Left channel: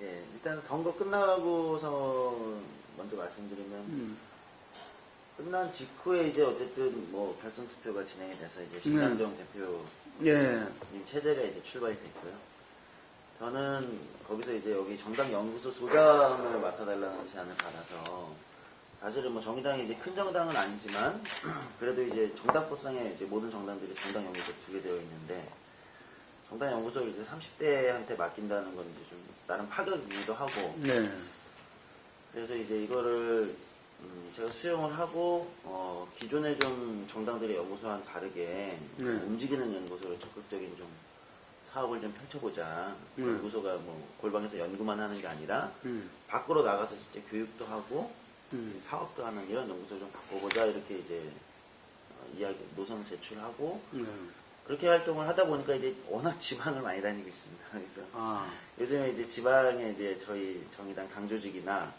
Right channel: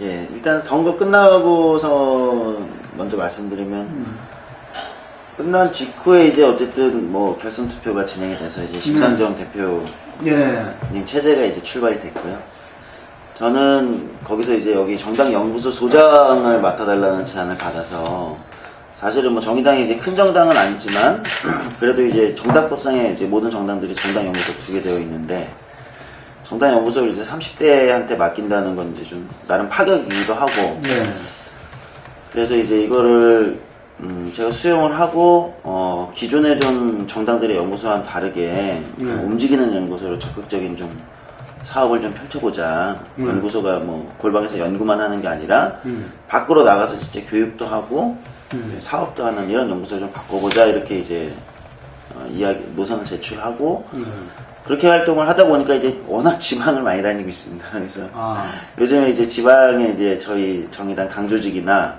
예, 일단 선거 끝나고서 먼저 말씀드리면 끝난 직후에 이제 어쨌든 뭐 결선 투표가 진행이 돼서 이제 심상정 대표님 예. 체제가 이제 출발이 됐고요. 저는 거기서 이제 여기 정당 연구소 소장을 맡아달라는 제안을 받아서 사실은 뭐 정의당이 이제 큰 정당은 아니지만 그래도 이제 정당법상에 이제 모든 정당들이 정당 연구소 두게 되어 있는데 정당 연구소를 이제 30대한테 맡긴다는 건 이제 좀 나름 파격이기도 하고 예. 그래서 이제 이거를 제가 수용을 하고 기존의 좀 정당들의 연구소와는 다르게 움직이는 연구소로 적극적인 좀 사업을 좀 펼쳐보자. 연구소가 뭐 골방에서 연구만 하는 게 아니라 밖으로 나가서 진짜 교육도 하고 사업도 하는 이런 연구소를 좀 바꿔보자 이렇게 이제 이야기 노선을 제출하고 그렇게 활동을 하다 보니까 이제 워낙 지방을 많이 다니고 있습니다. 그래서 요즘에 이제 지방에 이제 저희 정의당 당 조직이나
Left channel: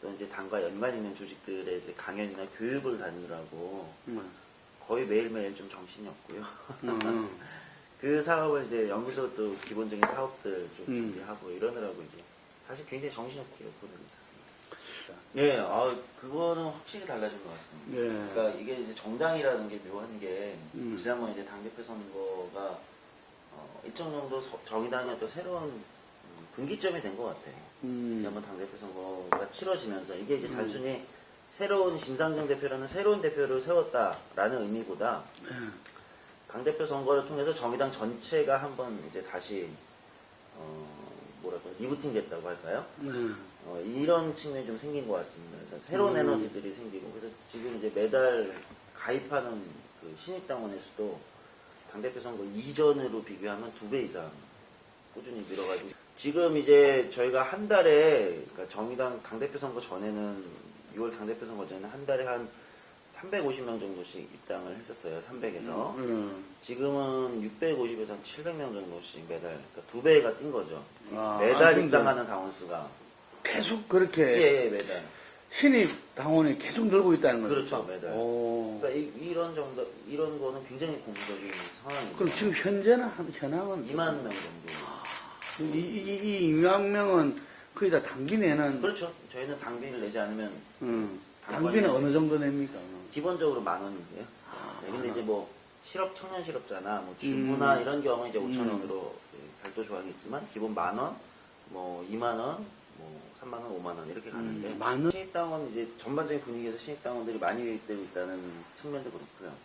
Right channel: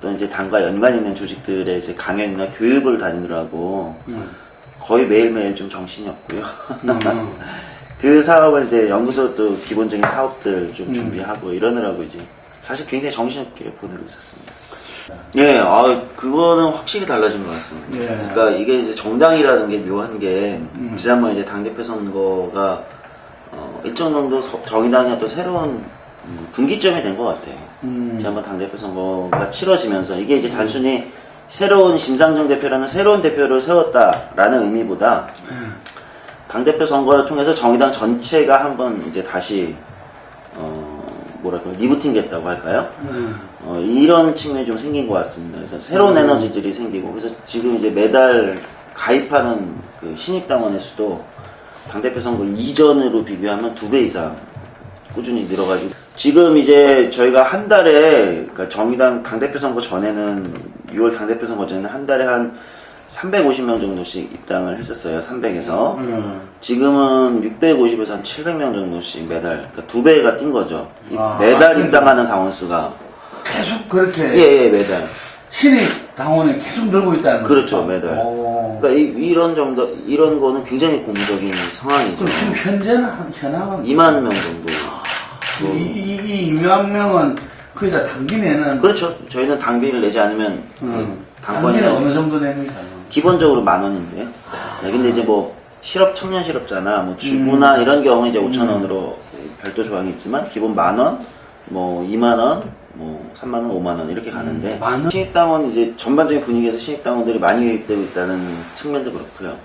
또 이제 당과 연관 있는 조직들의 이제 강연이나 교육을 다니느라고 거의 매일매일 좀 정신이 없고요. 그 사업을 이제 연구소 또 기본적인 사업들 좀 준비하고 이러느라고 이제 사실 굉장히 정신없게 보내고 있었습니다. 예, 그거는 확실히 달라진 것 같습니다. 예. 그러니까 이게 이제 정당이라는 게 묘한 게 지난번 이제 당대표 선거가 일정 정도 정의당이 또 새로운 분기점이 된 것 같아요. 지난번 당대표 선거가 치러지면서 이게 이제 단순히 새로운 심상정 대표라는 새로운 대표를 세웠다라는 의미보다 당대표 선거를 통해서 정의당 전체가 한번 이제 다시 뭐랄까 리부팅 됐다고 할까요? 이런 측면이 좀 생긴 것 같습니다. 그래서 새로운 에너지들이 생기고 그래서 지금 이제 매달 가입하는 그 신입당원의 수도 당대표 선거 이전으로 비교하면 2배 이상 꾸준히 늘어가지고 지금 이제 저희가 한 달에 그러니까 정의당 당대표 선거 전에는 6월 당대표 선거 전에는 한 달에 한 350명 정도씩 입당을 했었어요. 300에서 지금은 650에서 한 700명 정도씩 매달 그러니까 2배가 뛴 거죠. 매달 입당하는 당원 수가 계속 그렇게 예 매달 신입 당원이 계속 늘고 있다는 거죠. 그렇죠 매달. 그러니까 이런 정도 이런 거는 굉장히 고무적인 상황이죠. 그럼 지금 현재는 현황은 2만 명 정도. 이 2만 명은 거의 다 당비 내는. 그렇죠. 저희는 당비를 내지 않으면 당비는 어느 정도 냅니까? 기본적으로 10,000원인데요. 네, 근데 이제 뭐 청년 실업자나 뭐 주부나 이런 경우는 이제 5,000원으로 별도 조항이 있지만 기본 10,000원, 뭐 2만원, 뭐 3만원, 5만원 이렇게 가는데 신입당원 이제 전반적인 분위기에서 신입당원들이 많이 유입되고 있다는 측면도 그렇고요.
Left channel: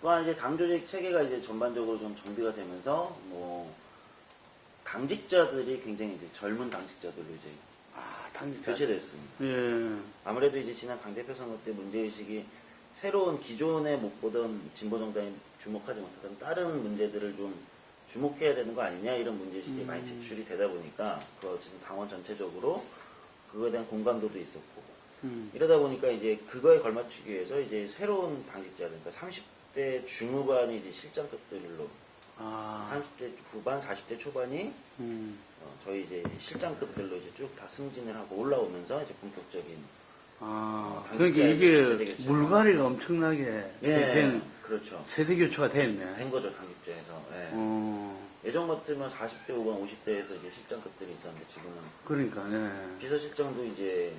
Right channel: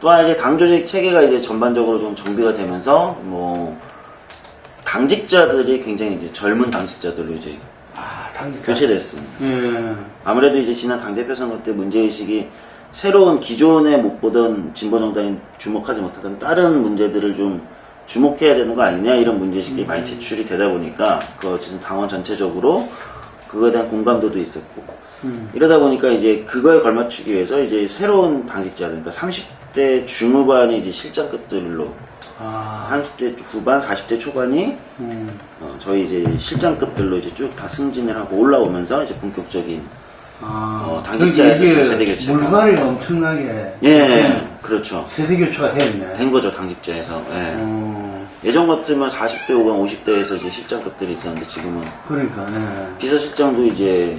또한 이제 당 조직 체계가 이제 전반적으로 좀 정비가 되면서 뭐 당직자들이 굉장히 이제 젊은 당직자들로 이제 교체됐습니다. 아무래도 이제 지난 당대표 선거 때 문제의식이 새로운 기존에 못 보던 진보정당이 주목하지 못하던 다른 문제들을 좀 주목해야 되는 거 아니냐 이런 문제의식이 많이 제출이 되다 보니까 그 지금 당원 전체적으로 그거에 대한 공감도도 있었고 이러다 보니까 이제 그거에 걸맞추기 위해서 이제 새로운 당직자들 그러니까 30대 중후반이 이제 실장급들로 30대 후반, 40대 초반이 저희 이제 실장급들로 이제 쭉 다 승진을 하고 올라오면서 이제 본격적인 당직자에서 세대 교체가 물갈이가 엄청나게 그렇죠. 세대 교체가 됐네. 된 거죠 당직자에서. 예전 같으면 40대 후반, 50대에서 이제 실장급들이 있었는데 지금은 그러니까 비서실장도 이제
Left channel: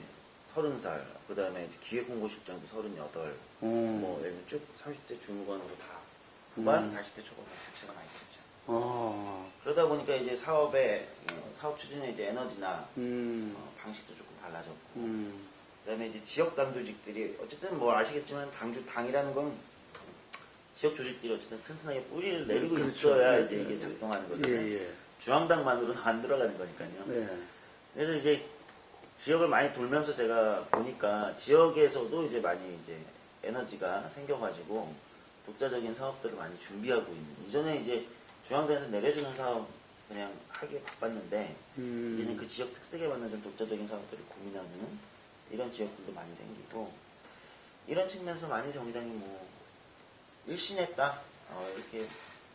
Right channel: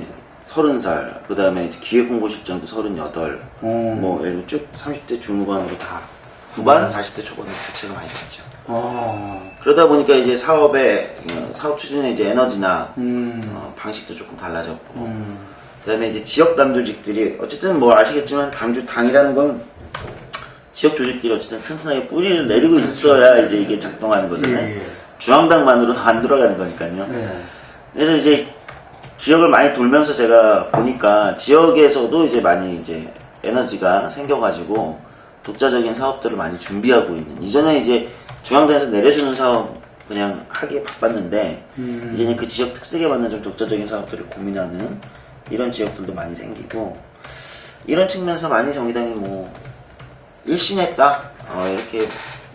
30살, 그 다음에 기획홍보실장도 38, 뭐 예를 들어 쭉 30대 중후반으로 다 후반, 40대 초반으로 교체가 많이 됐죠. 그러다 보니까 이제 사업 추진의 이제 에너지나 방식도 조금 달라졌고, 그다음에 이제 지역 당 조직들이 어쨌든 뭐 아시겠지만 당이라는 건 지역 조직들이 어쨌든 튼튼하게 뿌리를 내리고 있어야 이제 이게 작동하는 거잖아요. 중앙당만으로는 안 돌아가는 거니까요. 그래서 이제 지역을 많이 돌면서 제가 보니까 지역에서도 이제 많이 이제 에너지가 생겨가지고 독자적인 사업들을 많이 준비하고 있는. 이전에 이제 중앙당에서 내려주는 사업 그냥 하기에 바빴는데 이제는 그 지역 특색에 맞는 좀 독자적인 사업들을 고민하는 이런 지역들도 많이 생기고 이런 측면에서 많이 정의당이 뭐 일신했다 이렇게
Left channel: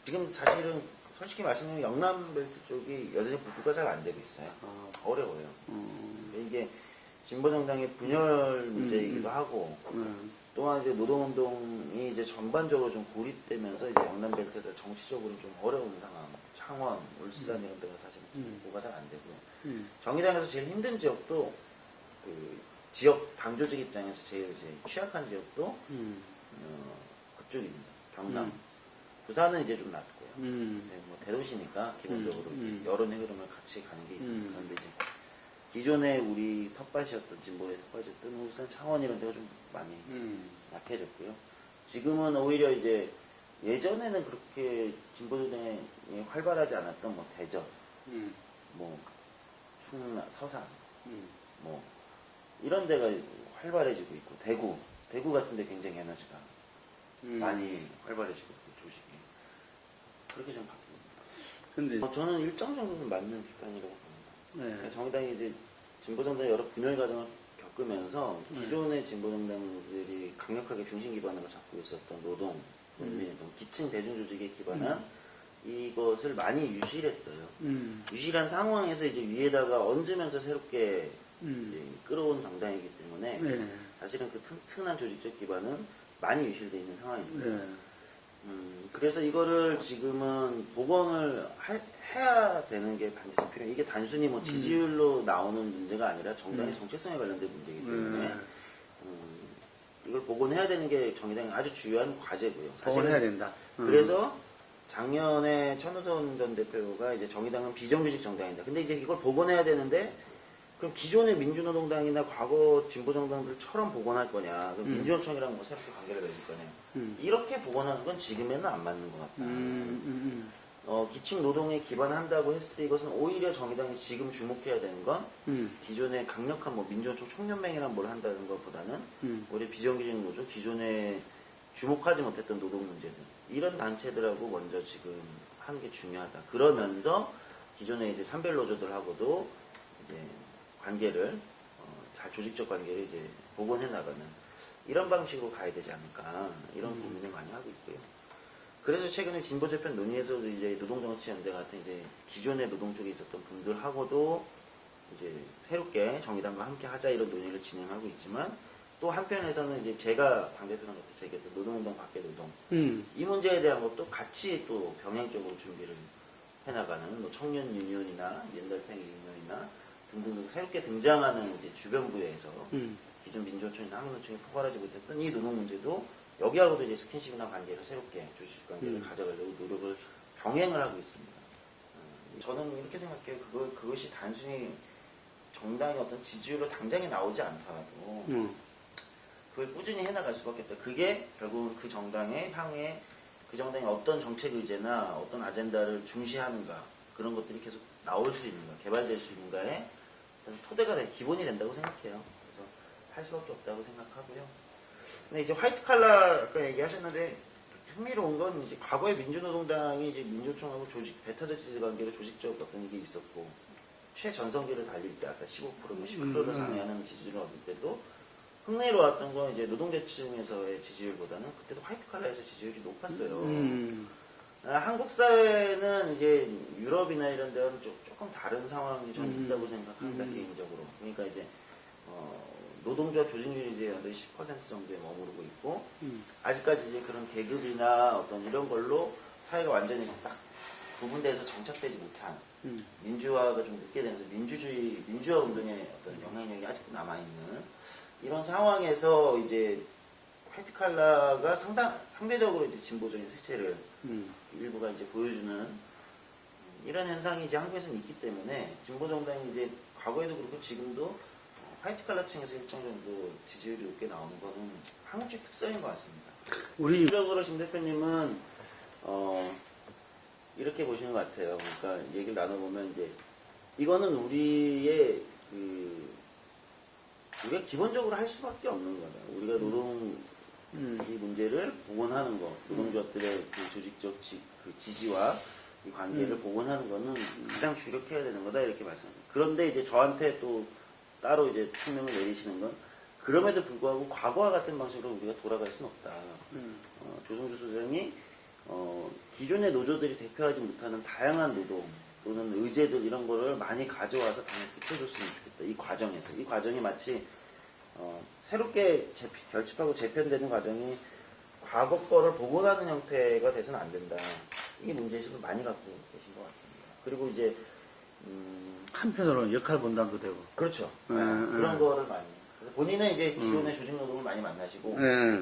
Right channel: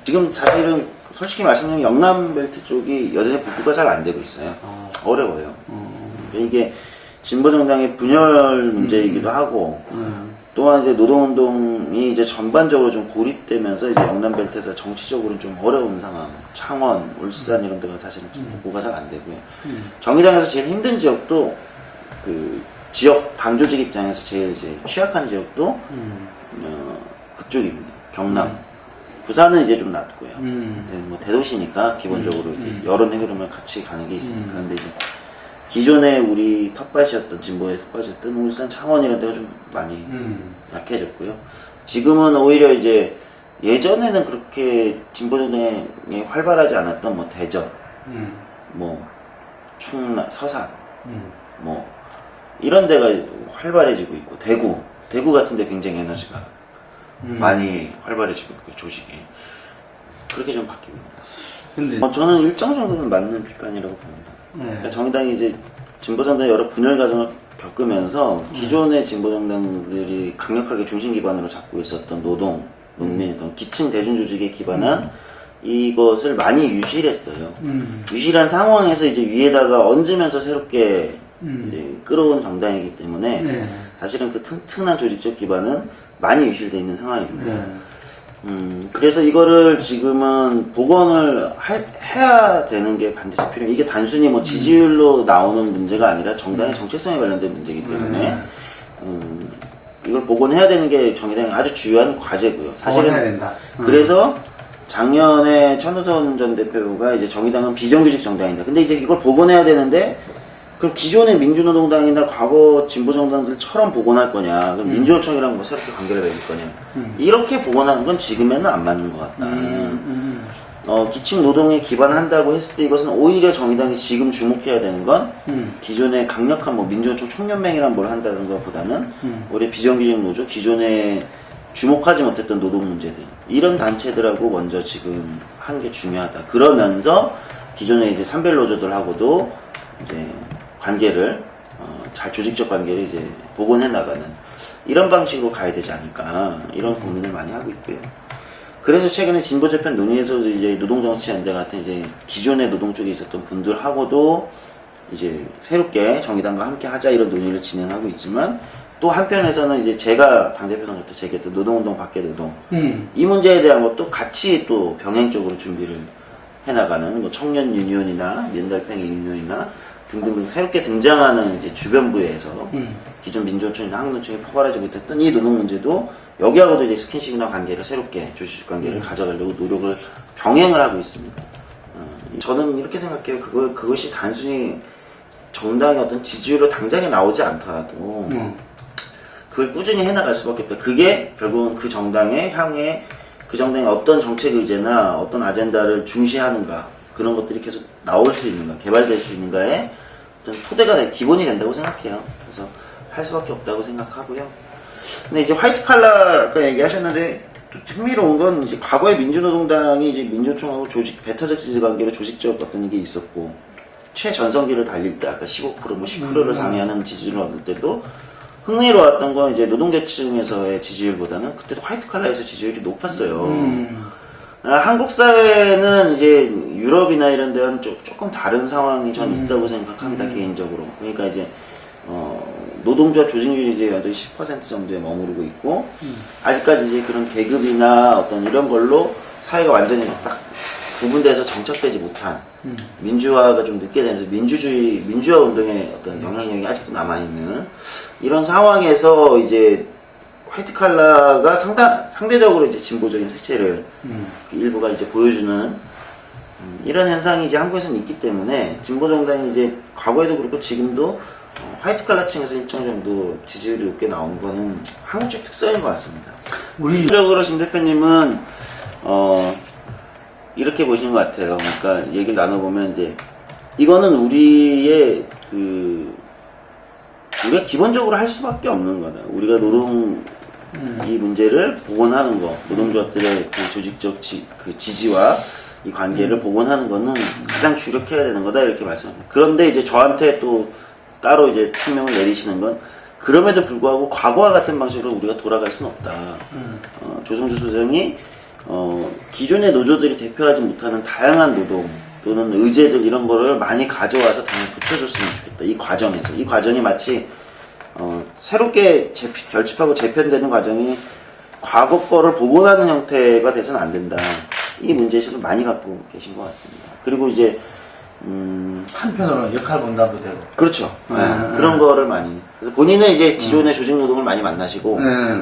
지금 사실은 솔직히 말씀드리면 영남벨트 쪽이 여전히 복구가 잘 안 되고 있어요. 어려워요. 이게 진보정당의 분열 문제이기도 하고 또한 이제 노동운동이 이제 전반적으로 좀 고립되면서 이제 영남벨트에서 정치적으로 좀 어려운 상황, 창원, 울산 이런 데가 사실은 좀 복구가 잘 안 되고요. 정의당에서 제일 힘든 지역도 그 지역 당 조직 입장에서 제일 이제 취약한 지역도 그쪽입니다. 경남. 부산은 이제 좀 낫고요. 네, 뭐 대도시니까 기본적으로 이제 여론 흐름을 같이 가는 게 있으니까. 근데 이제 기존에 우리 텃밭이었던 진보의 텃밭이었던 울산, 창원 이런 데가 좀 많이 약해졌고요. 지금은 오히려 이제 예전에는 그렇게 진보정당이 활발하지 않았던 뭐 대전, 뭐 충남, 서산, 뭐 이런 데가 활발해지고 있고 대구 같은 데 굉장히 에너지가 많이 활발해지고 있고 조직이 그렇게 좀 바뀌고 있습니다. 근데 저는 일정 정도는 맞는 비판이라고 봅니다. 그러니까 정의당이 이제 진보정당의 여러 분열 과정을 겪으면서 기존의 진보정당들이 강력하게 중심 기반으로 잡고 있었던 노동, 농민, 어떤 기층 대중 조직에 기반한 이것을 많이 유지를 했어요. 유지한 상황에서 이제 위에다가 얹으면서 새롭게 이제 끌어온 정당이기 때문에 사실은 그 튼튼한 조직적 기반은 많이 유실되어 있는 상황입니다. 그래서 이거를 지금은 복원을 해야 되는 게 반드시 필요해요. 이게 단순히 뭐 지지율로 나오는 문제가 아니라 정당의 정체성에 관련된 문제이기 때문에 이걸 복원해야 되는 게 정의당의 아주 중요한 과제고요. 사실은 해야 된다. 그래서 작년에 천우선 전 대표가 이제 정의당은 비정규직 정당이다. 근데 이제 이걸 복원해야 되는데 그럼 기존의 민주노동당이나 과거 진보정당들처럼 복원할 거냐, 그럼 민주노총이랑 뭐 새롭게 관계를 맺을 거냐, 이렇게 복원하는 건 지금에는 안 맞는 것 같다. 기층 노동에 기반한다고 했을 때 이것은 오히려 정의당이 지금 주목해야 되는 건 기존의 강력한 뭐 민주노총 총연맹이란 뭘 한다는 것보다는 올해 비정규직 노조, 기존에 주목하지 못했던 노동 문제들 이런 단체들하고 먼저 지금 한 게 중요하다. 그러면서 기존의 이제 산별 노조들하고도 이제 관계를 잘 조직적 관계를 이제 복원해 나가는 이런 방식으로 가야 되지 않을까 이런 고민을 많이 하고 있고요. 그래서 최근에 진보 재편 논의에서도 이제 노동정치연대 같은 이제 기존의 노동 쪽에 있었던 분들하고도 이제 새롭게 정의당과 함께 하자 이런 논의를 진행하고 있지만 또 한편에서는 이제 제가 당대표 선거 때 제기했던 노동운동 밖의 노동 이 문제에 대한 것도 같이 또 병행적으로 준비를 해나가는 뭐 청년 유니온이나 민달팽이 유니온이나 등등등 새롭게 등장하는 이제 주변부에서 기존 민주노총이나 한국노총이 포괄하지 못했던 이 노동 문제도 여기하고도 이제 스킨십이나 관계를 새롭게 조직 관계를 가져가려고 노력을 병행을 하고 있습니다. 저는 이렇게 생각해요. 그것이 단순히 정당의 어떤 지지율로 당장에 나오지 않더라도 그걸 꾸준히 해나갈 수밖에 없다. 그게 결국은 그 정당의 향해 그 정당의 어떤 정책 의제나 어떤 아젠다를 중시하는가 그런 것들이 계속 나올 수 있는가 개발될 수 있는가에 어떤 토대가 기본이 된다고 생각해요. 그래서 할 수밖에 없다고 생각하고요. 근데 이제 화이트 칼라 아까 얘기하셨는데 또 흥미로운 건 이제 과거에 민주노동당이 이제 민주노총하고 배타적 지지 관계로 조직적 어떤 게 있었고 최전성기를 달릴 때 아까 15% 뭐 10%를 상회하는 지지를 얻을 때도 흥미로웠던 건 이제 노동계층에서의 지지율보다는 그때도 화이트 칼라에서 지지율이 높았어요. 한국 사회는 이제 유럽이나 이런 데는 조금 다른 상황이 전 있다고 생각합니다, 개인적으로. 그러니까 이제, 노동조합 조직률이 이제 10% 정도에 머무르고 있고, 아직까지 이제 그런 계급이나 어떤 이런 걸로 사회가 완전히 딱 구분돼서 정착되지 못한, 민주화가 좀 늦게 되면서 민주화 운동의 어떤 영향력이 아직도 남아있는 이런 상황에서 이제 화이트 칼라가 상대적으로 이제 진보적인 색채를 그 일부가 이제 보여주는 이런 현상이 이제 한국에서는 있기 때문에 진보 정당이 이제 과거에도 그렇고 지금도 화이트 칼라 층에서 일정 정도 지지율이 높게 나오는 거는 한국적 특성인 것 같습니다. 우리적으로 심 대표님은 이렇게 보시는 것 같아요. 그러니까 얘기를 나눠보면 이제 이거는 우리의 우리가 기본적으로 할 수밖에 없는 거다. 우리가 노동 이 문제를 복원하는 거, 노동조합들의 그 조직적 지지와 이 관계를 복원하는 거는 가장 주력해야 되는 거다 이렇게 말씀합니다. 그런데 이제 저한테 또 따로 이제 총명을 내리시는 건 그럼에도 불구하고 과거와 같은 방식으로 우리가 돌아갈 수는 없다. 조성주 소장이 기존의 노조들이 대표하지 못하는 다양한 노동 또는 의제들 이런 거를 많이 가져와서 당연히 붙여줬으면 좋겠다. 이 과정에서 이 과정이 마치 새롭게 결집하고 재편되는 과정이 과거 거를 복원하는 형태가 돼서는 안 된다. 이 문제의식을 많이 갖고 계신 것 같습니다. 그리고 이제 한편으로는 역할 분담도 되고. 그렇죠. 그런 거를 많이. 그래서 본인은 이제 기존의 조직 노동을 많이 만나시고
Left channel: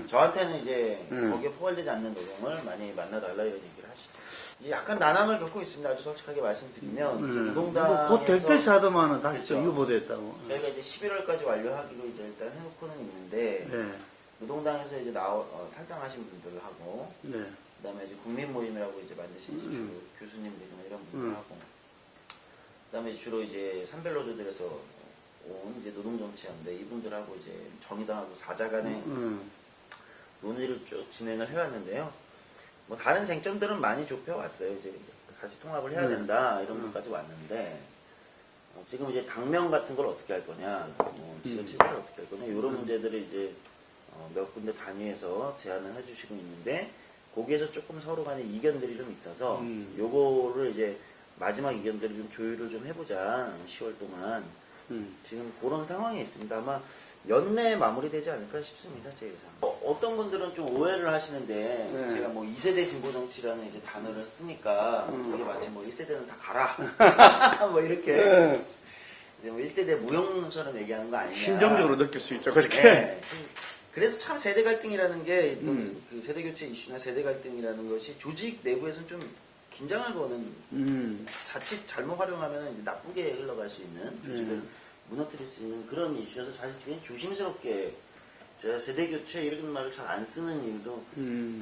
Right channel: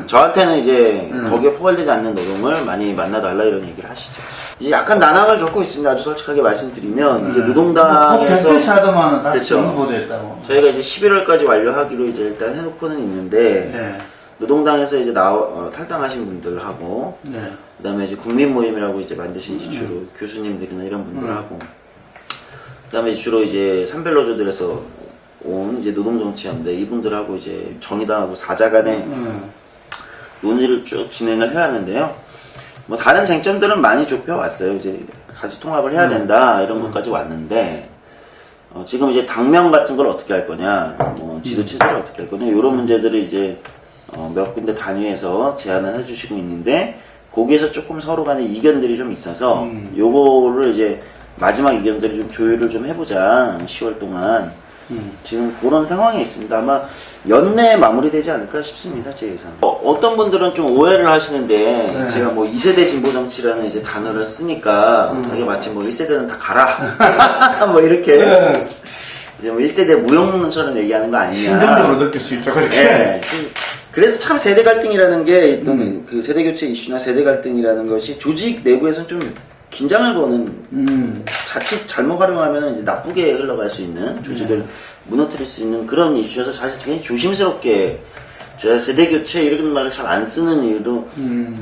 저한테는 이제 거기에 포괄되지 않는 노동을 많이 만나달라 이런 얘기를 하시죠. 이제 약간 난항을 겪고 있습니다. 아주 솔직하게 말씀드리면 이제 노동당에서 대표시 하더만은 다시 그렇죠. 정보됐다고. 저희가 이제 11월까지 완료하기로 이제 일단 해놓고는 있는데 네. 노동당에서 이제 탈당하신 분들하고 네. 그다음에 이제 국민 모임이라고 이제 만드신 이제 주로 교수님들이나 이런 분들하고 그다음에 주로 이제 산별노조들에서 온 이제 노동정치연대 이분들하고 이제 정의당하고 사자간의 논의를 쭉 진행을 해야 하는데요. 뭐 다른 쟁점들은 많이 좁혀왔어요. 이제 같이 통합을 해야 된다 이런 것까지 왔는데 지금 이제 당명 같은 걸 어떻게 할 거냐, 뭐 지도 체제를 어떻게 할 거냐 이런 문제들을 이제 몇 군데 단위에서 제안을 해주시고 있는데 거기에서 조금 서로 간에 이견들이 좀 있어서 요거를 이제 마지막 의견들을 좀 조율을 좀 해보자. 10월 동안. 지금 그런 상황에 있습니다. 아마 연내에 마무리되지 않을까 싶습니다. 제 예상. 어떤 분들은 좀 오해를 하시는데 네. 제가 뭐 2세대 진보 정치라는 이제 단어를 쓰니까 이게 마치 뭐 1세대는 다 가라. 뭐 이렇게 이제 뭐 1세대 무용론처럼 얘기하는 거 아니냐. 심정적으로 느낄 수 있죠. 그렇게. 네. 그래서 참 세대 갈등이라는 게 있던 그 세대 교체 이슈나 세대 갈등이라는 것이 조직 내부에서는 좀 긴장을 거는 자칫 잘못 활용하면 이제 나쁘게 흘러갈 수 있는 조직을 무너뜨릴 수 있는 그런 이슈여서 사실 굉장히 조심스럽게 제가 세대 교체 이런 말을 잘 안 쓰는 이유도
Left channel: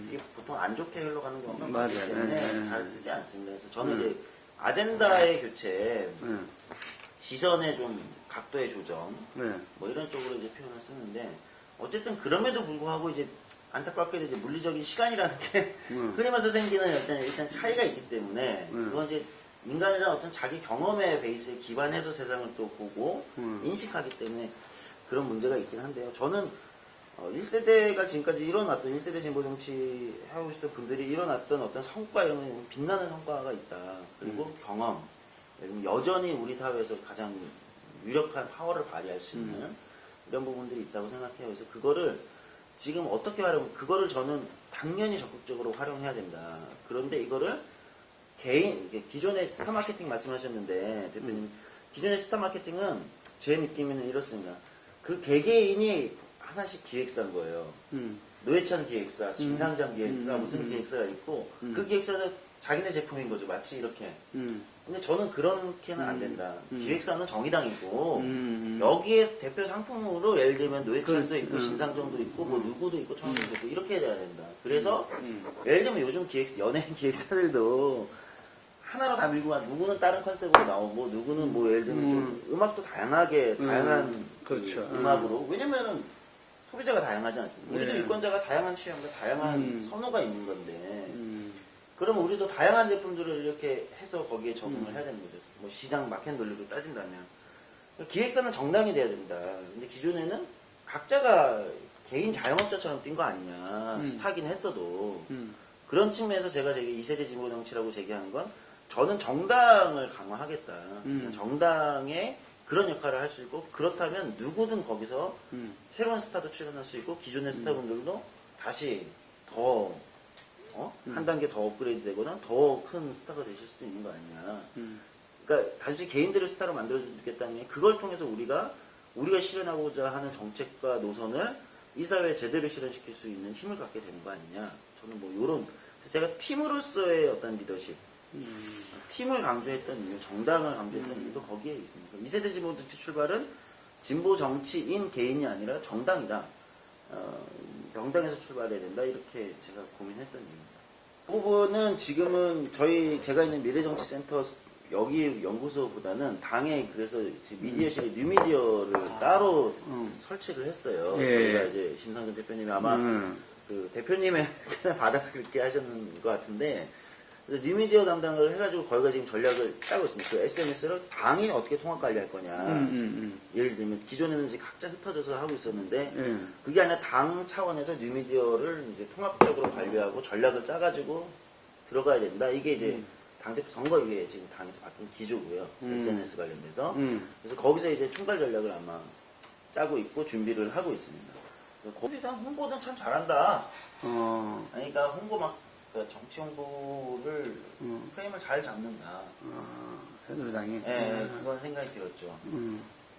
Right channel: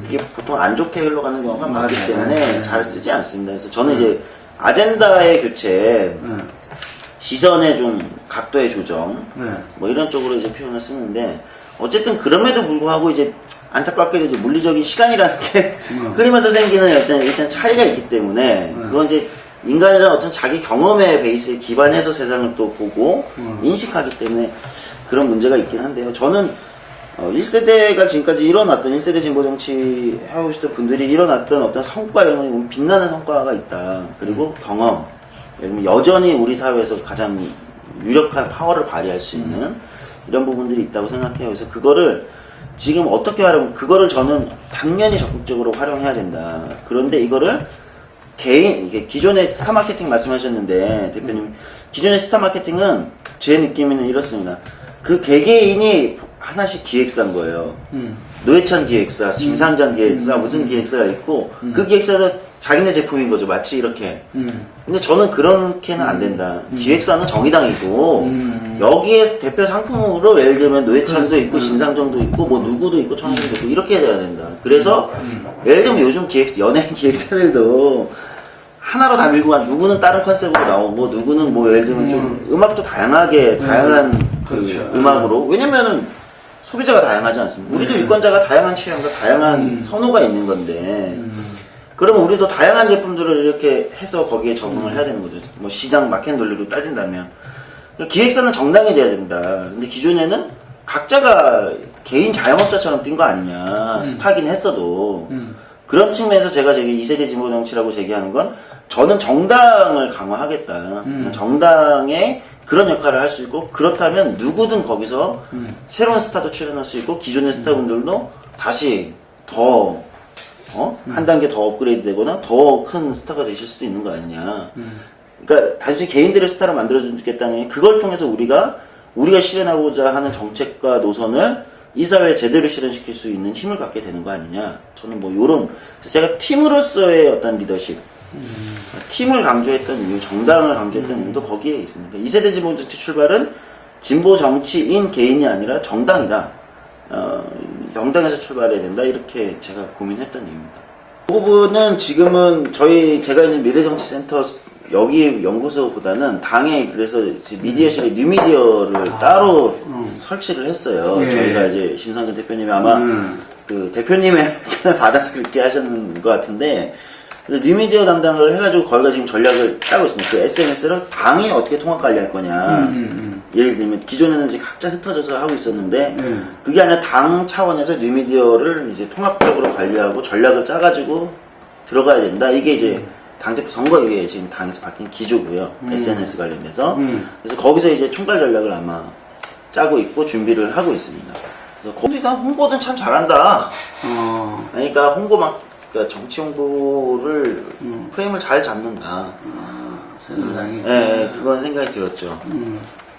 그게 보통 안 좋게 흘러가는 경우가 많기 때문에 잘 쓰지 않습니다. 그래서 저는 이제 아젠다의 교체, 시선의 좀 각도의 조정, 뭐 이런 쪽으로 이제 표현을 쓰는데 어쨌든 그럼에도 불구하고 이제 안타깝게도 이제 물리적인 시간이라는 게 흐르면서 생기는 일단 차이가 있기 때문에 그건 이제 인간이라는 어떤 자기 경험의 베이스에 기반해서 세상을 또 보고 인식하기 때문에 그런 문제가 있긴 한데요. 저는 1세대가 지금까지 일어났던 1세대 진보 정치 해오시던 분들이 일어났던 어떤 성과 이런 건 빛나는 성과가 있다. 그리고 경험, 여전히 우리 사회에서 가장 유력한 파워를 발휘할 수 있는 이런 부분들이 있다고 생각해요. 그래서 그거를 지금 어떻게 하려면 그거를 저는 당연히 적극적으로 활용해야 된다. 그런데 이거를 이게 기존의 스타 마케팅 말씀하셨는데 대표님 기존의 스타 마케팅은 제 느낌에는 이렇습니다. 그 개개인이 하나씩 기획사인 거예요. 노회찬 기획사, 심상정 기획사, 무슨 기획사가 있고 그 기획사도 자기네 제품인 거죠. 마치 이렇게. 근데 저는 그렇게는 안 된다. 기획사는 정의당이고 여기에 대표 상품으로 예를 들면 노회찬도 있고 심상정도 있고 뭐 누구도 있고 청년도 있고 이렇게 돼야 된다. 그래서 예를 들면 요즘 연예인 기획사들도 하나로 다 밀고 간 누구는 다른 컨셉으로 나오고 누구는 뭐 예를 들면 좀 음악도 다양한 그 그렇죠. 음악으로 왜냐면은 소비자가 다양하지 않습니까? 우리도 유권자가 다양한 취향과 다양한 선호가 있는 건데 그러면 우리도 다양한 제품들을 이렇게 해서 거기에 적응을 해야 되는 거죠. 뭐 시장 마켓 논리로 따진다면 그러니까 기획사는 정당이 돼야 된다. 근데 기존에는 각자가 개인 자영업자처럼 뛴 거 아니냐. 스타긴 했어도 그런 측면에서 제가 2세대 진보 정치라고 제기하는 건 저는 정당을 강화하겠다. 정당의 그런 역할을 할 수 있고 그렇다면 누구든 거기서 새로운 스타도 출연할 수 있고 기존의 스타분들도 다시 더 한 단계 더 업그레이드 되거나 더 큰 스타가 되실 수도 있는 거 아니냐. 그러니까 단순히 개인들의 스타를 만들어주겠다는 게 그걸 통해서 우리가 실현하고자 하는 정책과 노선을 이 사회에 제대로 실현시킬 수 있는 힘을 갖게 되는 거 아니냐. 저는 뭐 요런 그래서 제가 팀으로서의 어떤 리더십 팀을 강조했던 이유, 정당을 강조했던 이유도 거기에 있습니다. 2세대 진보 정치 출발은 진보 정치인 개인이 아니라 정당이다. 정당에서 출발해야 된다. 이렇게 제가 고민했던 이유입니다. 그 부분은 지금은 제가 있는 미래정치센터 여기 연구소보다는 당에 그래서 미디어실에 뉴미디어를 따로 설치를 했어요. 예. 저희가 이제 심상정 대표님이 아마 그 대표님의 받아서 그렇게 하셨는 것 같은데 뉴미디어 담당을 해가지고 거기가 지금 전략을 짜고 있습니다. 그 SNS를 당이 어떻게 통합 관리할 거냐. 예를 들면 기존에는 이제 각자 흩어져서 하고 있었는데 그게 아니라 당 차원에서 뉴미디어를 이제 통합적으로 관리하고 전략을 짜가지고 들어가야 된다. 이게 이제 당대표 선거 이후에 지금 당에서 바뀐 기조고요. SNS 관련돼서. 그래서 거기서 이제 총괄 전략을 아마 짜고 있고 준비를 하고 있습니다. 그래서 거기다 홍보는 참 잘한다. 그러니까 그러니까 정치 홍보를 프레임을 잘 잡는다. 새누리당이. 네, 그건 생각이 들었죠.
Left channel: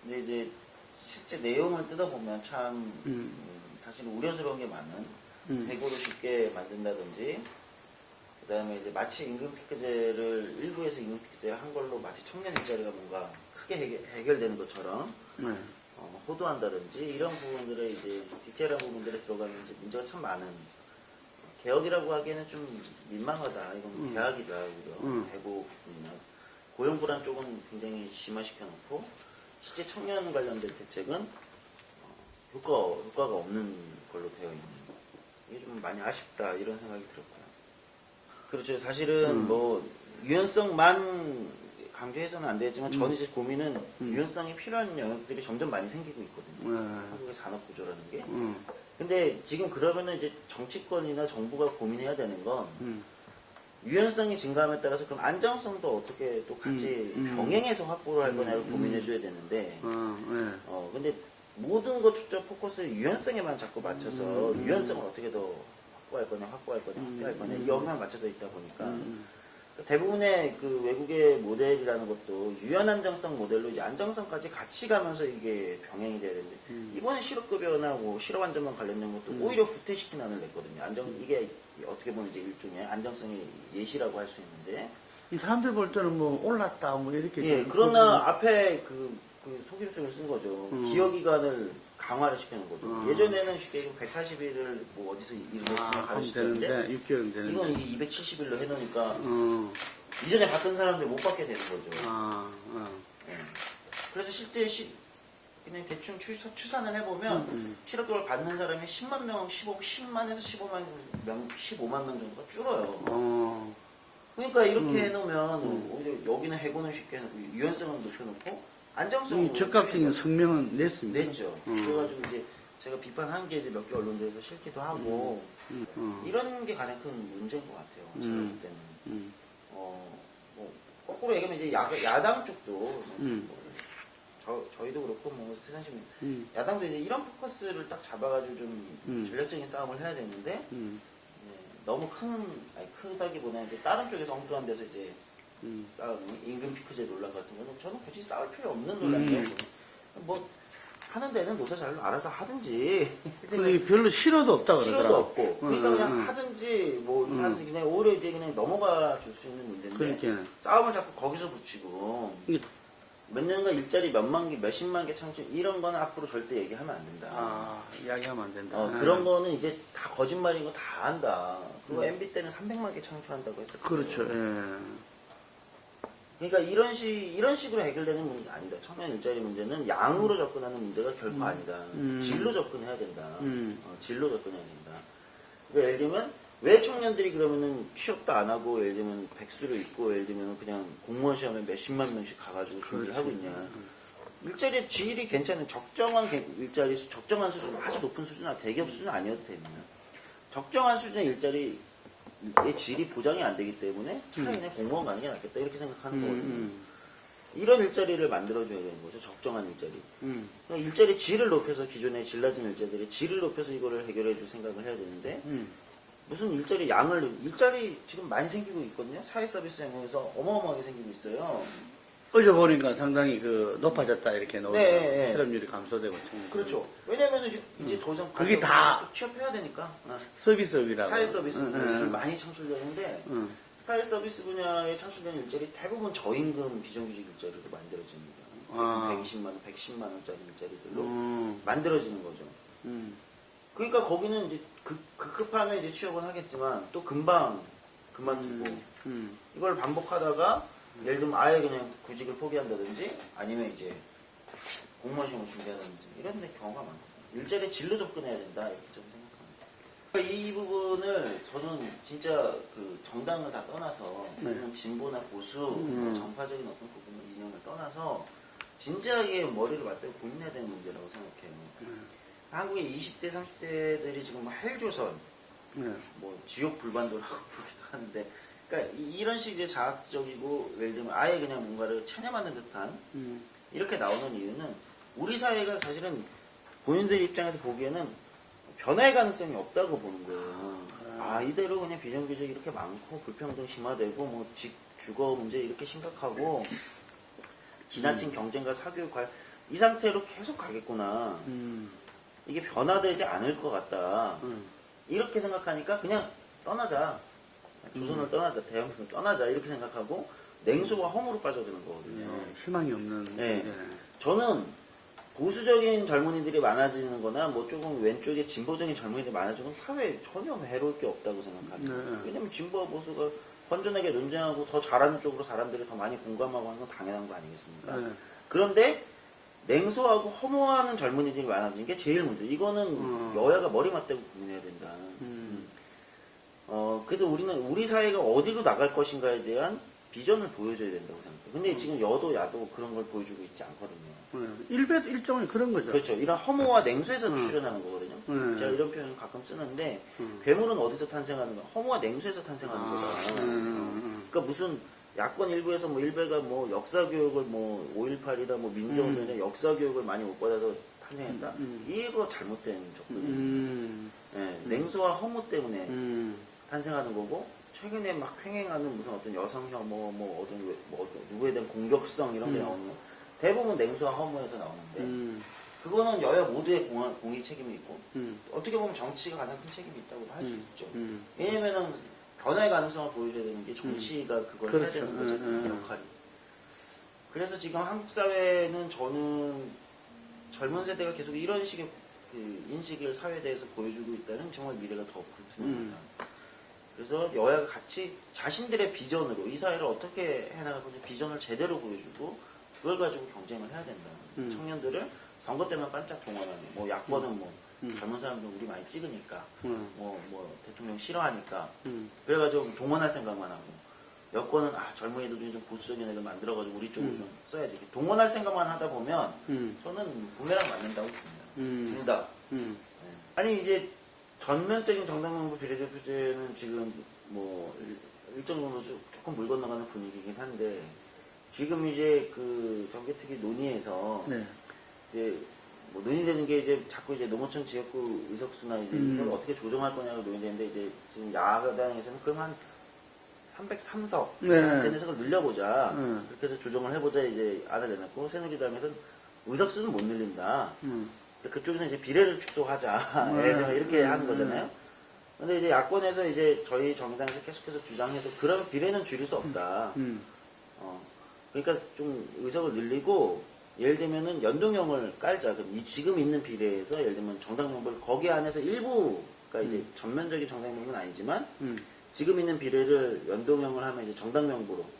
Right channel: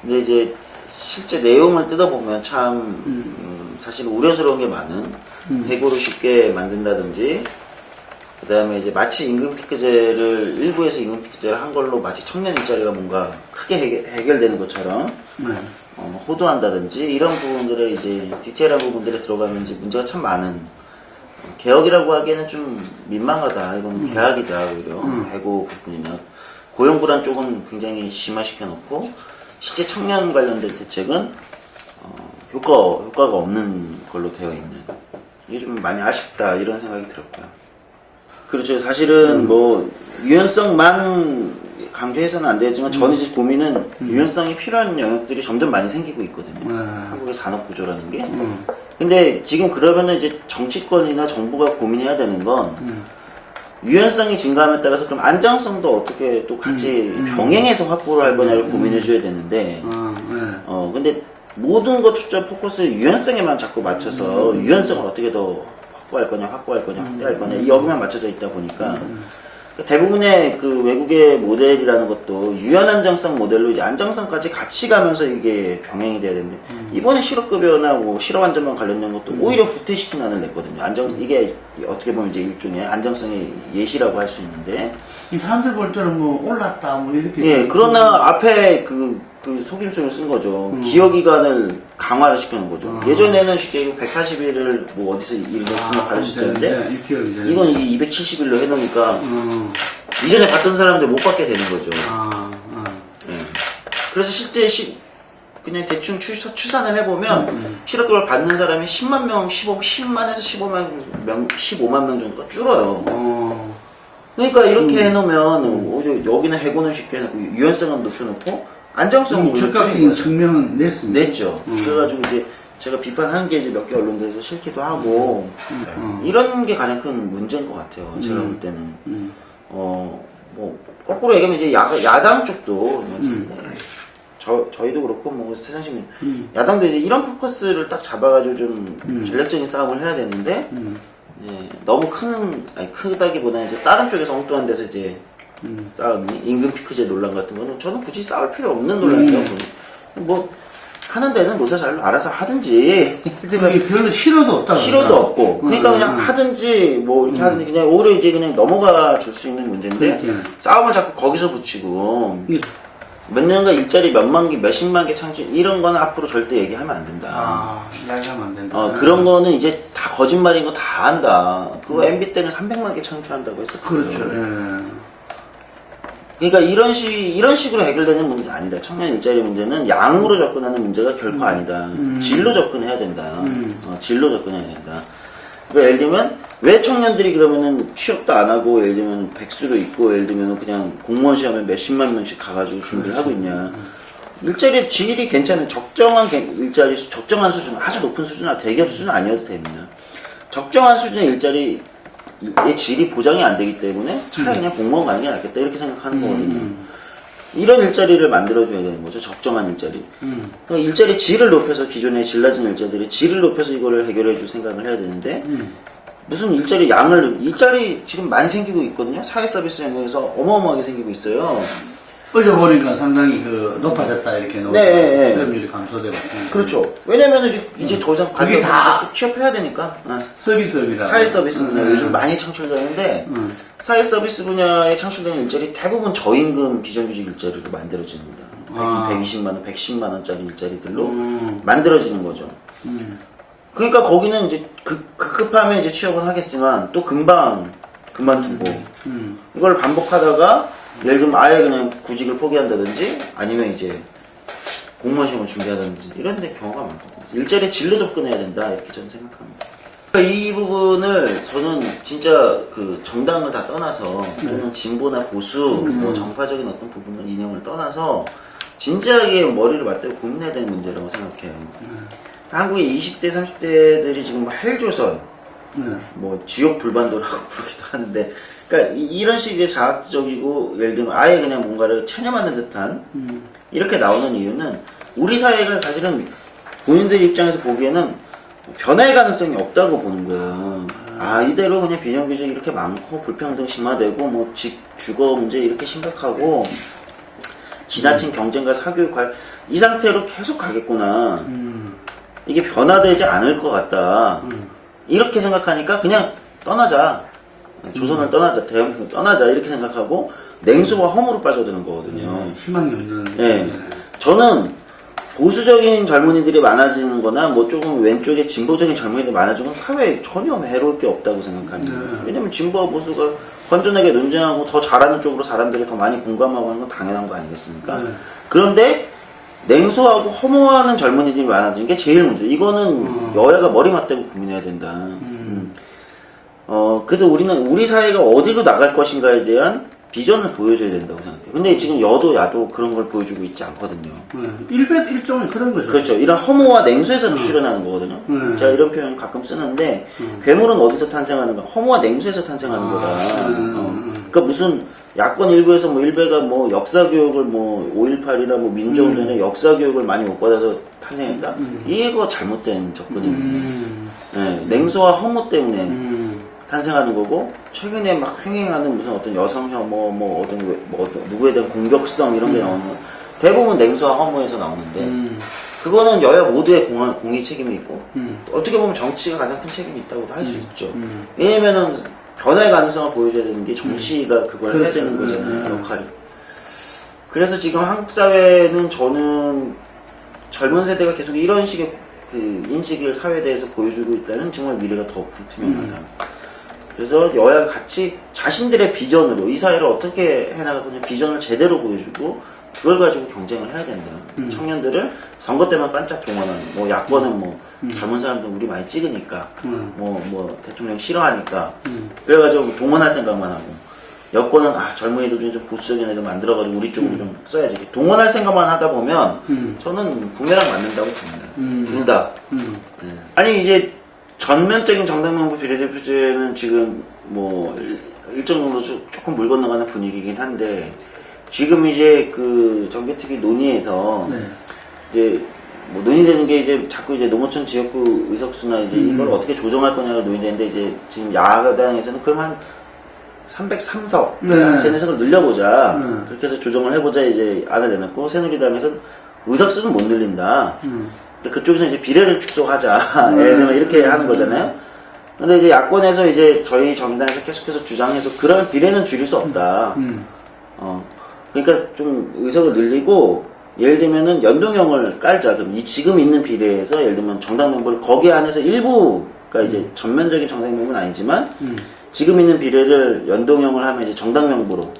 근데 이제 실제 내용을 뜯어보면 참 사실 우려스러운 게 많은 해고를 쉽게 만든다든지 그 다음에 이제 마치 임금피크제를 일부에서 임금피크제를 한 걸로 마치 청년 일자리가 뭔가 크게 해결되는 것처럼 호도한다든지 이런 부분들에 이제 디테일한 부분들에 들어가면 이제 문제가 참 많은 개혁이라고 하기에는 좀 민망하다. 이건 개혁이다. 오히려 해고 부분이나 고용 불안 쪽은 굉장히 심화시켜 놓고 실제 청년 관련된 대책은 효과가 없는 걸로 되어 있는 이게 좀 많이 아쉽다 이런 생각이 들었고요. 그렇죠. 사실은 뭐 유연성만 강조해서는 안 되지만 저는 이제 고민은 유연성이 필요한 영역들이 점점 많이 생기고 있거든요. 한국의 산업 구조라는 게. 근데 지금 그러면은 이제 정치권이나 정부가 고민해야 되는 건 유연성이 증가함에 따라서 그럼 안정성도 어떻게 또 같이 병행해서 확보를 할 거냐를 고민해 줘야 되는데 근데 모든 것 초점 포커스를 유연성에만 자꾸 맞춰서 유연성을 어떻게 더 확대할 거냐 여기만 맞춰져 있다 보니까 대부분의 그 외국의 모델이라는 것도 유연 안정성 모델로 이제 안정성까지 같이 가면서 이게 병행이 돼야 되는데 이번에 실업급여나 뭐 실업 안전망 관련된 것도 오히려 후퇴시키는 안을 냈거든요. 이게 어떻게 보면 이제 일종의 안정성의 예시라고 할 수 있는데 이 사람들 볼 때는 뭐 올랐다 뭐 이렇게. 예, 그러나 앞에 그 속임수를 쓴 거죠. 기여기간을 강화를 시키는 거죠. 예전에는 쉽게 180일을 뭐 어디서 일을 했으면 받을 수 있었는데 이건 이게 270일로 해놓으니까 이전에 받던 사람들 못 받게 되는 거죠. 예. 그래서 실제 그냥 대충 추산을 해보면 실업급여를 받는 사람이 10만 명, 10만에서 15만 명 정도가 줄어요. 그러니까 이렇게 해놓으면 오히려 여기는 해고는 쉽게 해놓고 유연성은 높여놓고 안정성은 적극적인 측면은 냈죠. 그래가지고 이제 제가 비판한 게 이제 몇 개 언론들에서 싫기도 하고 이런 게 가장 큰 문제인 것 같아요. 제가 볼 때는 뭐 거꾸로 얘기하면 이제 야당 쪽도 저희도 그렇고 뭐 세상시민 야당도 이제 이런 포커스를 딱 잡아가지고 좀 전략적인 싸움을 해야 되는데 너무 크다기보다는 이제 다른 쪽에서 엉뚱한 데서 이제 싸움이 임금 피크제 논란 같은 거는 저는 굳이 싸울 필요 없는 논란이에요. 뭐 하는 데는 노사 잘 알아서 하든지 그게 별로 싫어도 없다. 싫어도 없고 그러니까 그냥 하든지 뭐 이렇게 하든지 그냥 오히려 이제 그냥 넘어가 줄 수 있는 문제인데 싸움을 자꾸 거기서 붙이고 몇 년간 일자리 몇만 개, 몇십만 개 창출 이런 거는 앞으로 절대 얘기하면 안 된다. 이야기하면 안 된다. 그런 거는 이제 다 거짓말인 거 다 안다. 그거 MB 때는 300만 개 창출한다고 했었어요. 그렇죠. 그러니까 이런 식으로 해결되는 문제 아니다. 청년 일자리 문제는 양으로 접근하는 문제가 결코 아니다. 질로 접근해야 된다. 질로 접근해야 된다. 그러니까 예를 들면 왜 청년들이 그러면은 취업도 안 하고 예를 들면 백수로 있고 예를 들면 그냥 공무원 시험에 몇십만 명씩 가가지고 준비를 하고 있냐. 일자리 질이 괜찮은 적정한 일자리 적정한 수준 아주 높은 수준 대기업 수준 아니어도 됩니다. 적정한 수준의 일자리의 질이 보장이 안 되기 때문에 차라리 그냥 공무원 가는 게 낫겠다 이렇게 생각하는 거거든요. 이런 일자리를 만들어줘야 되는 거죠. 적정한 일자리. 그러니까 일자리 질을 높여서 기존의 질 낮은 일자리들의 질을 높여서 이거를 해결해 줄 생각을 해야 되는데 무슨 일자리 지금 많이 생기고 있거든요. 사회 서비스 영역에서 어마어마하게 생기고 있어요. 어제 보니까 상당히 높아졌다 이렇게 네. 실업률이 감소되고. 그렇죠. 왜냐면 이제 더 이상 그게 다 취업해야 되니까. 서비스업이라. 사회 서비스 분야 요즘 많이 창출되는데 사회 서비스 분야에 창출되는 일자리 대부분 저임금 비정규직 일자리로 만들어집니다. 120만 원, 110만 원짜리 일자리들로 만들어지는 거죠. 그러니까 거기는 이제 급하면 이제 취업은 하겠지만 또 금방 그만두고 이걸 반복하다가 예를 들면 아예 그냥 구직을 포기한다든지 아니면 이제 공무원 시험을 준비하다든지 이런 데 경우가 많거든요. 일자리에 질로 접근해야 된다 이렇게 저는 생각합니다. 이 부분을 저는 진짜 그 정당을 다 떠나서 또는 진보나 보수 뭐 정파적인 어떤 부분을 이념을 떠나서 진지하게 머리를 맞대고 고민해야 되는 문제라고 생각해요. 한국의 20대 30대들이 지금 뭐 헬조선 뭐 지옥 불반도라고 부르기도 하는데 그러니까 이런 식의 자학적이고 예를 들면 아예 그냥 뭔가를 체념하는 듯한 이렇게 나오는 이유는 우리 사회가 사실은 본인들 입장에서 보기에는 변화의 가능성이 없다고 보는 거예요. 아, 이대로 그냥 비정규직 이렇게 많고 불평등 심화되고 뭐 주거 문제 이렇게 심각하고 지나친 경쟁과 사교육 이 상태로 계속 가겠구나. 이게 변화되지 않을 것 같다. 이렇게 생각하니까 그냥 떠나자. 조선을 떠나자. 대한민국을 떠나자. 이렇게 생각하고 냉소와 허무로 빠져드는 거거든요. 희망이 없는. 네. 저는 보수적인 젊은이들이 많아지는 거나 뭐 조금 왼쪽에 진보적인 젊은이들이 많아지는 건 사회에 전혀 해로울 게 없다고 생각합니다. 왜냐면 진보와 보수가 건전하게 논쟁하고 더 잘하는 쪽으로 사람들이 더 많이 공감하고 하는 건 당연한 거 아니겠습니까? 그런데 냉소하고 허무하는 젊은이들이 많아지는 게 제일 문제. 이거는 여야가 머리 맞대고 고민해야 된다. 그래서 우리는 우리 사회가 어디로 나갈 것인가에 대한 비전을 보여줘야 된다고 생각해요. 근데 지금 여도 야도 그런 걸 보여주고 있지 않거든요. 일종의 그런 거죠. 그렇죠. 이런 허무와 냉소에서 출현하는 거거든요. 제가 이런 표현 가끔 쓰는데 괴물은 어디서 탄생하는가? 허무와 냉소에서 탄생하는 거다. 그러니까 무슨 야권 일부에서 뭐 일베가 뭐 역사 교육을 뭐 5.18이나 뭐 민주운동이나 역사 교육을 많이 못 받아서 탄생했다. 이거 잘못된 접근입니다. 네, 냉소와 허무 때문에 탄생하는 거고 최근에 막 횡행하는 무슨 어떤 여성 혐오 뭐 어떤 누구에 대한 공격성 이런 게 나오는 건 대부분 냉소와 허무에서 나오는데 그거는 여야 모두의 공의 책임이 있고 어떻게 보면 정치가 가장 큰 책임이 있다고도 할 수 있죠. 왜냐면은 변화의 가능성을 보여줘야 되는 게 정치가 그걸 해야 되는 거잖아요. 역할이. 그래서 지금 한국 사회는 저는 젊은 세대가 계속 이런 식의 그 인식을 사회에 대해서 보여주고 있다는 정말 미래가 더 불투명하다. 그래서 여야가 같이 자신들의 비전으로 이 사회를 어떻게 해나가고 비전을 제대로 보여주고 그걸 가지고 경쟁을 해야 된다. 청년들을 선거 때만 반짝 동원하는 뭐 야권은 뭐 젊은 사람들 우리 많이 찍으니까 뭐 대통령 싫어하니까 그래가지고 동원할 생각만 하고 여권은 젊은이들 중에 좀 보수적인 애들 만들어가지고 우리 쪽으로 좀 써야지. 동원할 생각만 하다 보면 저는 부메랑 맞는다고 봅니다. 둘 다. 네. 아니 이제 전면적인 정당명부 비례대표제는 지금 뭐 일정 정도 조금 물 건너가는 분위기긴 한데 지금 이제 그 정개특위 논의에서 이제 뭐 논의되는 게 이제 자꾸 이제 농어촌 지역구 의석수나 이제 이걸 어떻게 조정할 거냐가 논의되는데 이제 지금 야당에서는 그럼 한 303석, 한 3-4석을 늘려보자. 그렇게 해서 조정을 해보자 이제 안을 내놨고 새누리당에서는 의석수는 못 늘린다. 그쪽에서 이제 비례를 축소하자. 예를 들면 이렇게 하는 거잖아요. 근데 이제 야권에서 이제 저희 정당에서 계속해서 주장해서 그러면 비례는 줄일 수 없다. 그러니까 좀 의석을 늘리고 예를 들면은 연동형을 깔자. 그럼 지금 있는 비례에서 예를 들면 정당 명부를 거기 안에서 일부가 이제 전면적인 정당 명부는 아니지만 지금 있는 비례를 연동형을 하면 이제 정당 명부로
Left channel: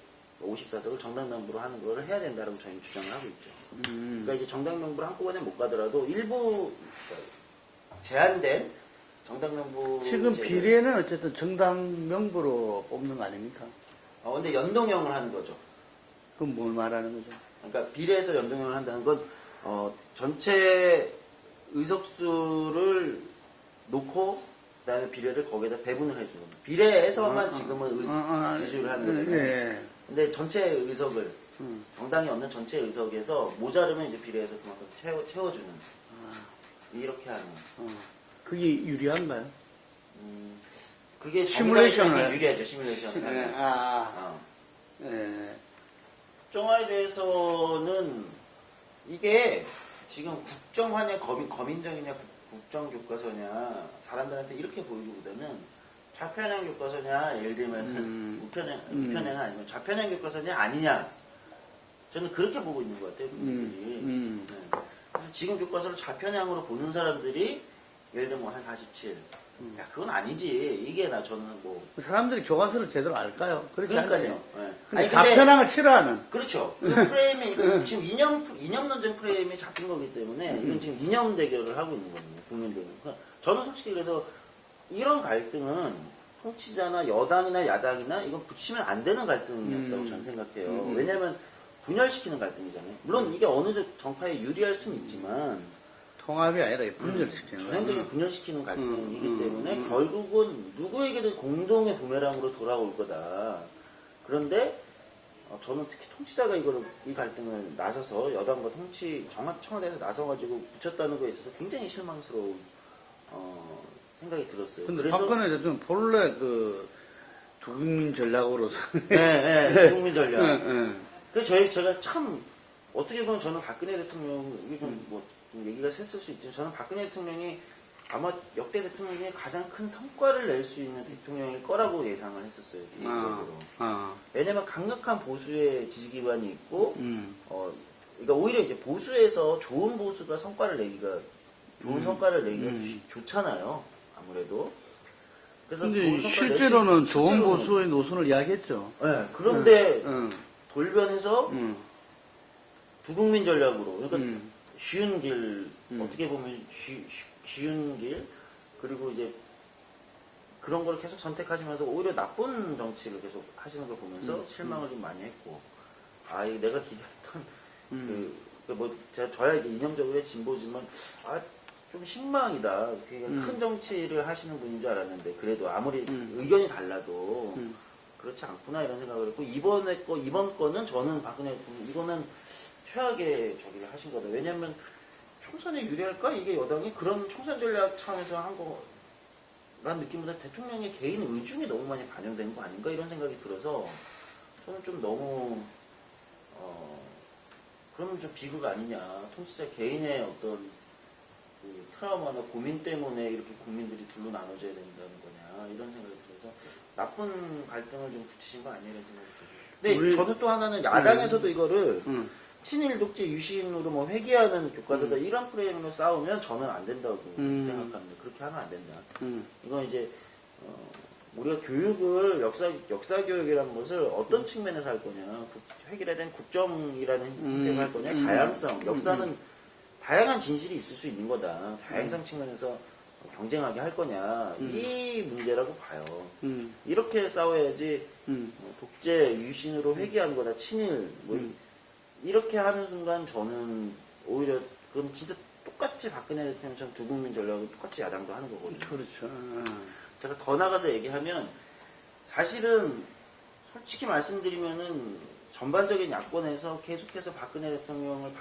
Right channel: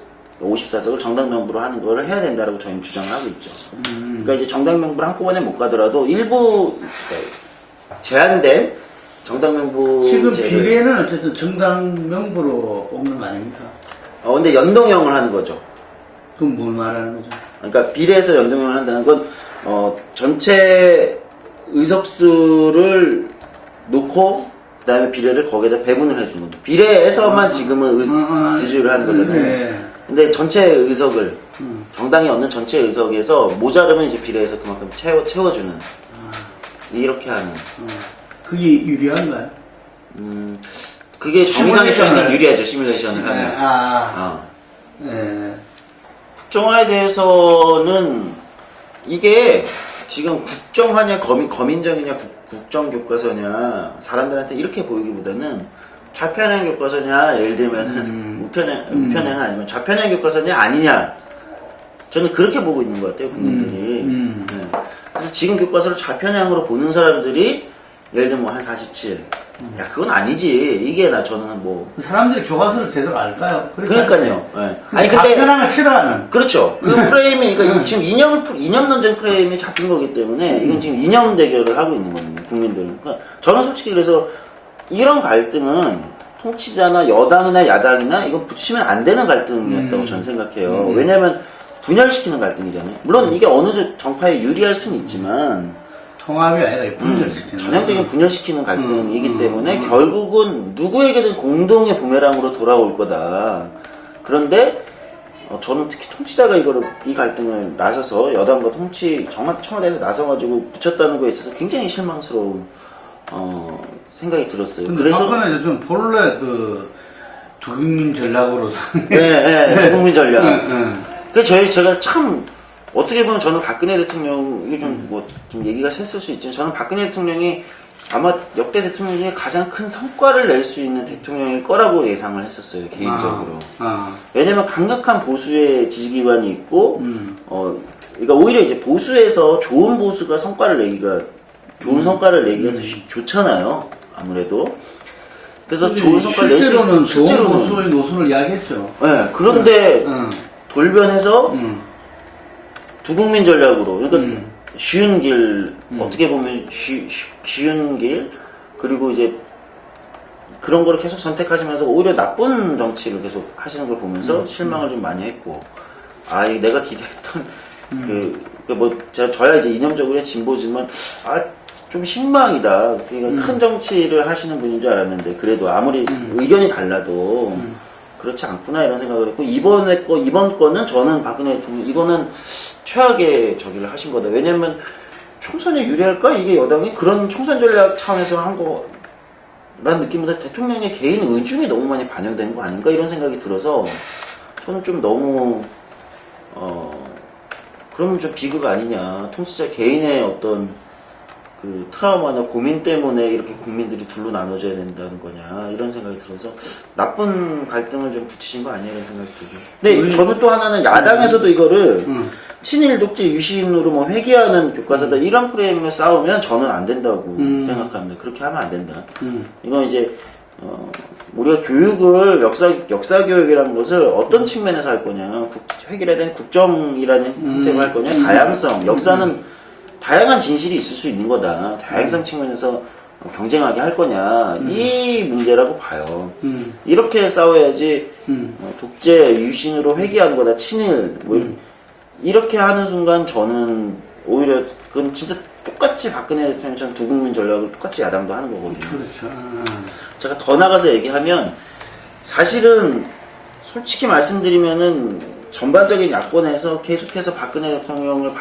54석을 정당 명부로 하는 거를 해야 된다라고 저희는 주장을 하고 있죠. 그러니까 이제 정당 명부를 한꺼번에 못 가더라도 일부 제한된 정당 명부 지금 비례는 어쨌든 정당 명부로 뽑는 거 아닙니까? 근데 연동형을 하는 거죠. 그럼 뭘 말하는 거죠? 그러니까 비례해서 연동형을 한다는 건 전체 의석수를 놓고 그다음에 비례를 거기에다 배분을 해주는 거죠. 비례에서만 지금은 지지를 하는 거잖아요. 근데 전체 의석을 정당이 얻는 전체 의석에서 모자르면 이제 비례해서 그만큼 채워주는 이렇게 하는. 그게 유리한가요? 그게 정의당 입장에서 유리하죠. 시뮬레이션을 하면. 국정화에 대해서는 이게 지금 국정화냐 거민정이냐 국정교과서냐 사람들한테 이렇게 보이기보다는 좌편향 교과서냐 예를 들면은 우편향 아니면 좌편향 교과서냐 아니냐 저는 그렇게 보고 있는 것 같아요 국민들이. 네. 그래서 지금 교과서를 좌편향으로 보는 사람들이 예를 들면 한 47. 야 그건 아니지 이게 저는 뭐 사람들이 교과서를 제대로 알까요? 그러니까요. 네. 아니 근데 좌편향을 싫어하는. 그렇죠. 그 프레임이 그러니까 지금 이념 논쟁 프레임이 잡힌 거기 때문에 이건 지금 이념 대결을 하고 있는 거거든요 국민들은. 그러니까 저는 솔직히 그래서 이런 갈등은 통치자나 여당이나 야당이나 이건 붙이면 안 되는 갈등이었다고 저는 생각해요. 왜냐하면 분열시키는 갈등이잖아요. 물론 이게 어느 정파에 유리할 수는 있지만 통합이 아니라 분열시키는 전형적인 분열시키는 갈등이기 때문에 결국은 누구에게든 공동의 부메랑으로 돌아올 거다. 그런데 저는 특히 통치자가 이 갈등을 나서서 여당과 청와대에서 나서가지고 붙였다는 거에 있어서 굉장히 실망스러운 생각이 들었어요. 근데 그래서 박근혜 대통령 본래 그 두국민 전략으로 두국민 전략. 네. 그래서 제가 참 어떻게 보면 저는 박근혜 대통령이 좀 얘기가 셌을 수 있지만 저는 박근혜 대통령이 아마 역대 대통령 중에 가장 큰 성과를 낼 수 있는 대통령일 거라고 예상을 했었어요, 개인적으로. 왜냐면 강력한 보수의 지지기반이 있고, 그러니까 오히려 이제 보수에서 좋은 보수가 좋은 성과를 내기가 더 좋잖아요, 아무래도. 그래서 좋은 성과를 낼 수 있는 좋은 보수의 노선을 이야기했죠. 네, 그런데 돌변해서 두국민 전략으로, 그러니까 쉬운 길, 어떻게 보면 쉬운 길, 그리고 이제 그런 거를 계속 선택하시면서 오히려 나쁜 정치를 계속 하시는 걸 보면서 실망을 좀 많이 했고, 내가 기대했던, 저야 이제 이념적으로 진보지만, 좀 실망이다. 그러니까 큰 정치를 하시는 분인 줄 알았는데, 그래도 아무리 의견이 달라도, 그렇지 않구나 이런 생각을 했고, 이번 거는 저는 박근혜 대통령, 이거는 최악의 저기를 하신 거다. 왜냐면 총선에 유리할까? 이게 여당이 그런 총선 전략 차원에서 한 거라는 느낌보다 대통령의 개인 의중이 너무 많이 반영된 거 아닌가? 이런 생각이 들어서 저는 좀 너무 그러면 좀 비극 아니냐. 통치자 개인의 어떤 그 트라우마나 고민 때문에 이렇게 국민들이 둘로 나눠져야 된다는 거냐 이런 생각이 들어서 나쁜 갈등을 좀 붙이신 거 아니야 이런 생각이 들고. 근데 저는 또 하나는 야당에서도 이거를 친일 독재 유신으로 뭐 회귀하는 교과서다 이런 프레임으로 싸우면 저는 안 된다고 생각합니다. 그렇게 하면 안 된다. 이건 이제 우리가 교육을 역사 교육이라는 것을 어떤 측면에서 할 거냐, 획일화된 국정이라는 형태로 할 거냐, 다양성, 역사는 다양한 진실이 있을 수 있는 거다. 다양성 측면에서 경쟁하게 할 거냐, 이 문제라고 봐요. 이렇게 싸워야지 독재 유신으로 회귀하는 거다, 친일 이렇게 하는 순간 저는 오히려 그건 진짜 똑같이 박근혜 대통령처럼 두국민 전략을 똑같이 야당도 하는 거거든요. 그렇죠. 제가 더 나가서 얘기하면 사실은 솔직히 말씀드리면은 전반적인 야권에서 계속해서 박근혜 대통령을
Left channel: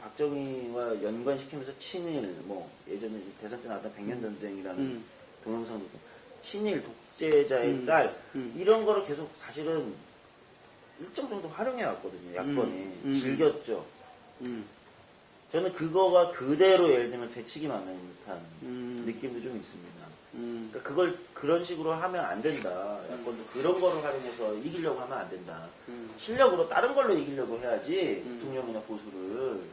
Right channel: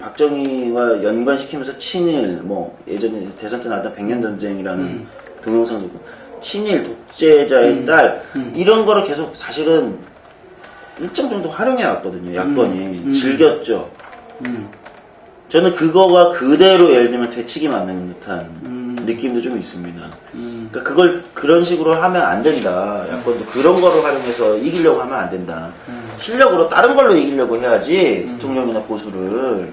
박정희와 연관시키면서 친일, 뭐 예전에 대선 때 나왔던 백년전쟁이라는 동영상도 있고 친일, 독재자의 딸 이런 거를 계속 사실은 일정 정도 활용해 왔거든요. 야권이 즐겼죠. 저는 그거가 그대로 예를 들면 되치기 맞는 듯한 느낌도 좀 있습니다. 그러니까 그걸 그런 식으로 하면 안 된다. 야권도 그런 거를 활용해서 이기려고 하면 안 된다. 실력으로 다른 걸로 이기려고 해야지 대통령이나 보수를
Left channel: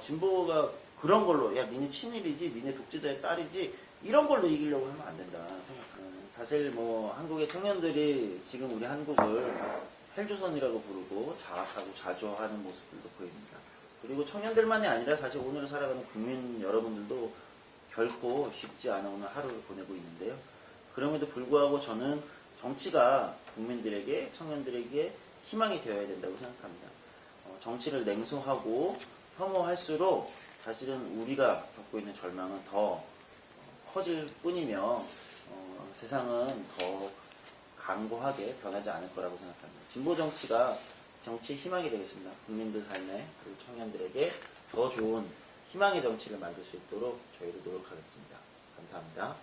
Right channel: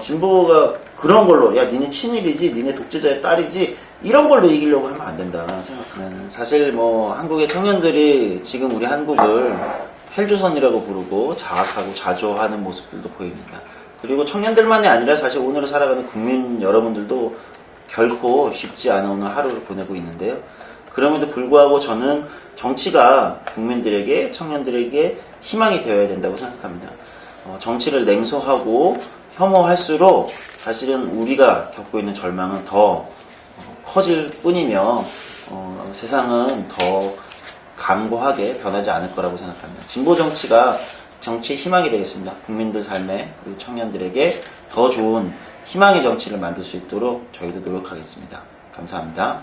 진보가 그런 걸로 야 니네 친일이지 니네 독재자의 딸이지 이런 걸로 이기려고 하면 안 된다 생각합니다. 사실 뭐 한국의 청년들이 지금 우리 한국을 헬조선이라고 부르고 자학하고 자조하는 모습들도 보입니다. 그리고 청년들만이 아니라 사실 오늘을 살아가는 국민 여러분들도 결코 쉽지 않은 오늘 하루를 보내고 있는데요. 그럼에도 불구하고 저는 정치가 국민들에게, 청년들에게 희망이 되어야 된다고 생각합니다. 정치를 냉소하고 혐오할수록 사실은 우리가 겪고 있는 절망은 더 커질 뿐이며 세상은 더 강고하게 변하지 않을 거라고 생각합니다. 진보 정치가 정치의 희망이 되겠습니다. 국민들 삶에 그리고 청년들에게 더 좋은 희망의 정치를 만들 수 있도록 저희도 노력하겠습니다. 감사합니다.